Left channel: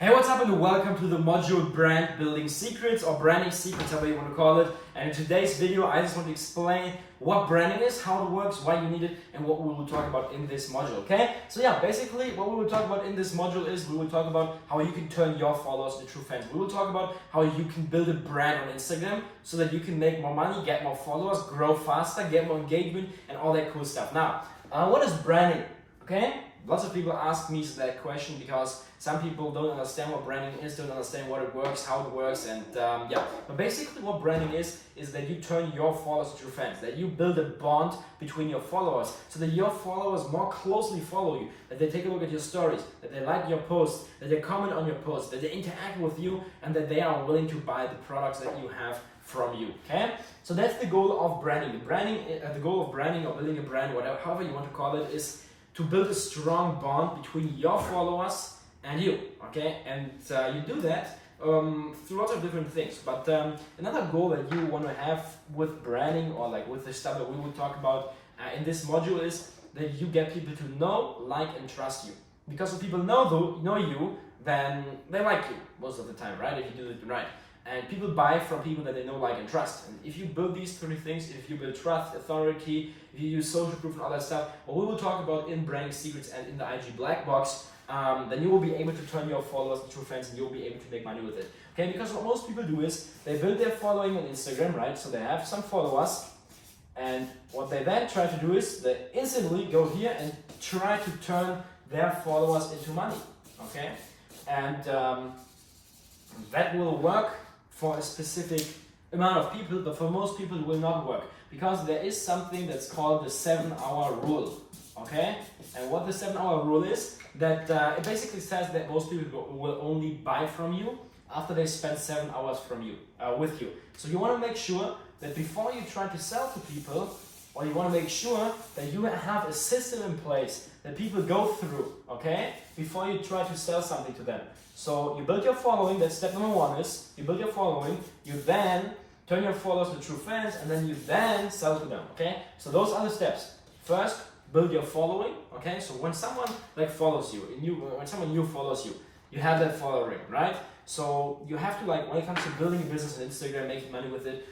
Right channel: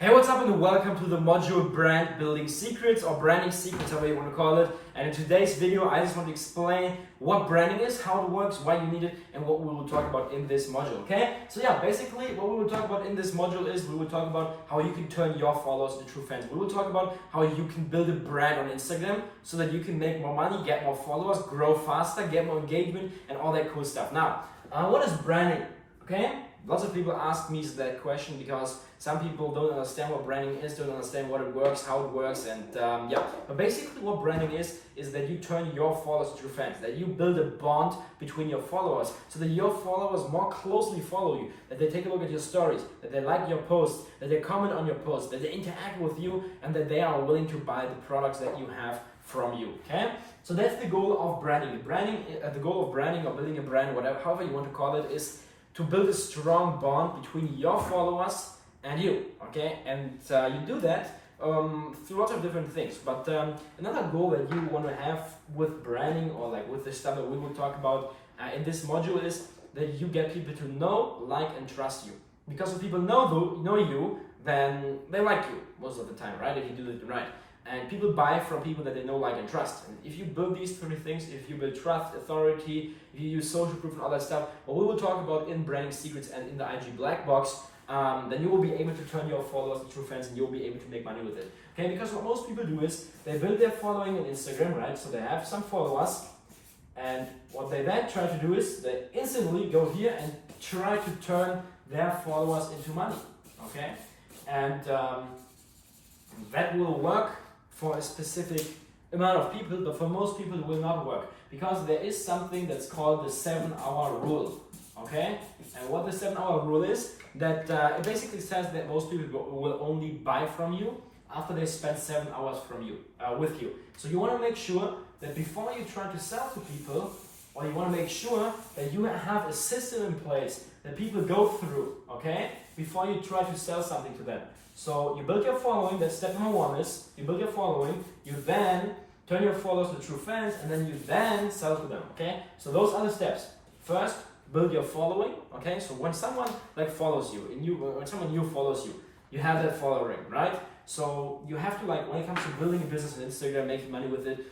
Hey, what's up and welcome to the module Brand Building Secrets or Branding Secrets, however you want to call it. And in today's video, I just want to explain what branding is, how it works, why you need it, and what we will talk about in this module, okay? So yeah, basically what we will talk about in this module is we will talk about how you can turn your followers into true fans. We will talk about how you can build a brand on Instagram so that you can make more money, get more followers, grow faster, get more engagement, and all that cool stuff. Now, what is branding, okay? Lots of people ask me that question because some people don't understand what branding is, don't understand what it works, how it works, and yeah. But basically what branding is that you turn your followers into fans, that you build a bond between your followers so that your followers more closely follow you, that they take a look at your stories, that they like your posts, that they comment on your posts, that they interact with you, and that they are willing to buy the products that you have from you, okay? So that's the goal of branding. The goal of branding or building a brand, however you want to call it, is to build a strong bond between your followers and you, okay? And you do that through lots of different things. But another goal that you want to have with branding or like with the stuff that we will talk about in this module is that you get people to know, like, and trust you. Because if people know you, then they like you most of the time, right? If you do it right. And people buy from people that they know, like, and trust. And if you build these three things, if you build trust, authority, if you use social proof and all that stuff, what we will talk about in Branding Secrets and in the IG Black Box, then you will be able to turn your followers into true fans and you'll be able to make money with it. Okay, because what most people do is they build their following on Instagram, right? So they have some followers, and what they then try to do is they instantly go here and try to turn their followers into money. Okay, and that will work for a specific amount of people, but for most people it will not work because there is something that's called the 7-hour rule, okay? And what the 7-hour rule is, that it basically says that most people will only buy from you after they spend 7 hours with you. So you want to make sure that before you try to sell to people, or you want to make sure that you have a system in place that people go through, okay, before you try to sell something to them. So you build your following, that's step number one is, you build your following, you then turn your followers into true fans, and then you then sell to them, okay? So those are the steps. First, build your following, okay? So when someone like follows you, when someone new follows you, you have that following, right? So you have to, like, when it comes to building a business on Instagram, making money with it,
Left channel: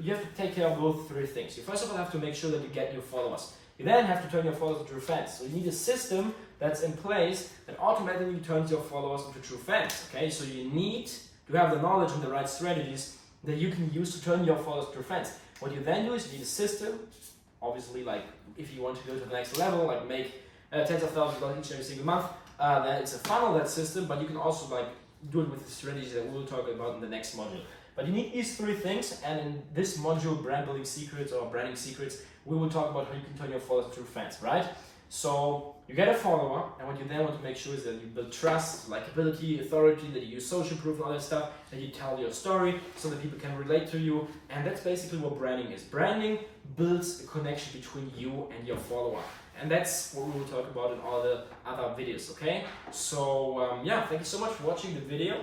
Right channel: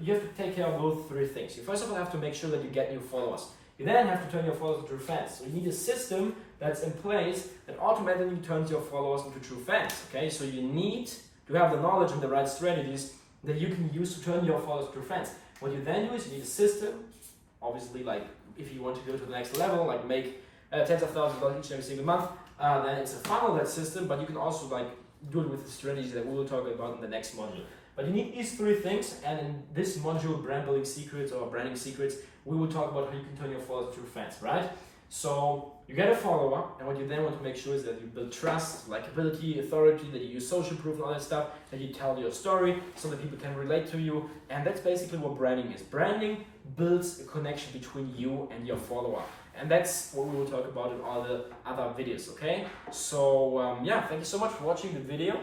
you have to take care of both three things. You first of all have to make sure that you get new followers. You then have to turn your followers into true fans. So you need a system that's in place that automatically turns your followers into true fans. Okay, so you need to have the knowledge and the right strategies that you can use to turn your followers into true fans. What you then do is you need a system. Obviously, like if you want to go to the next level, like make tens of thousands of dollars each and every single month, then it's a funnel, that system. But you can also like do it with the strategies that we will talk about in the next module. But you need these three things, and in this module, Brand Building Secrets or Branding Secrets, we will talk about how you can turn your followers into fans, right? So you get a follower, and what you then want to make sure is that you build trust, likability, authority, that you use social proof and all that stuff, that you tell your story so that people can relate to you, and that's basically what branding is. Branding builds a connection between you and your follower, and that's what we will talk about in all the other videos, okay? So yeah, thank you so much for watching the video.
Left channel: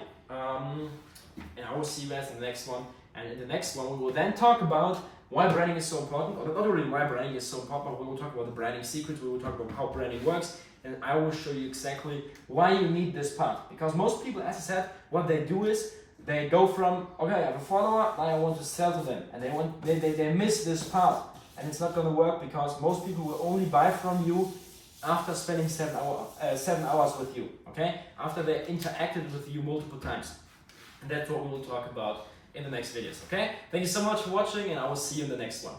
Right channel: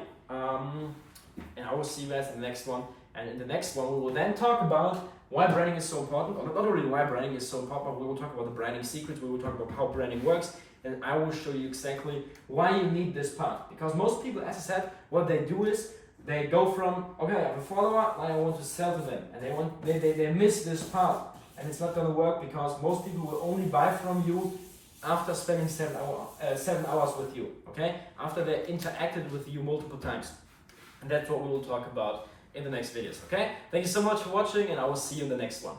And I will see you guys in the next one. And in the next one, we will then talk about why branding is so important, or not really why branding is so important, but we will talk about the branding secrets, we will talk about how branding works, and I will show you exactly why you need this part. Because most people, as I said, what they do is they go from, okay, I have a follower, now I want to sell to them, and they miss this part, and it's not going to work because most people will only buy from you after spending 7 hours with you, okay? After they interacted with you multiple times. And that's what we will talk about in the next videos, okay? Thank you so much for watching, and I will see you in the next one.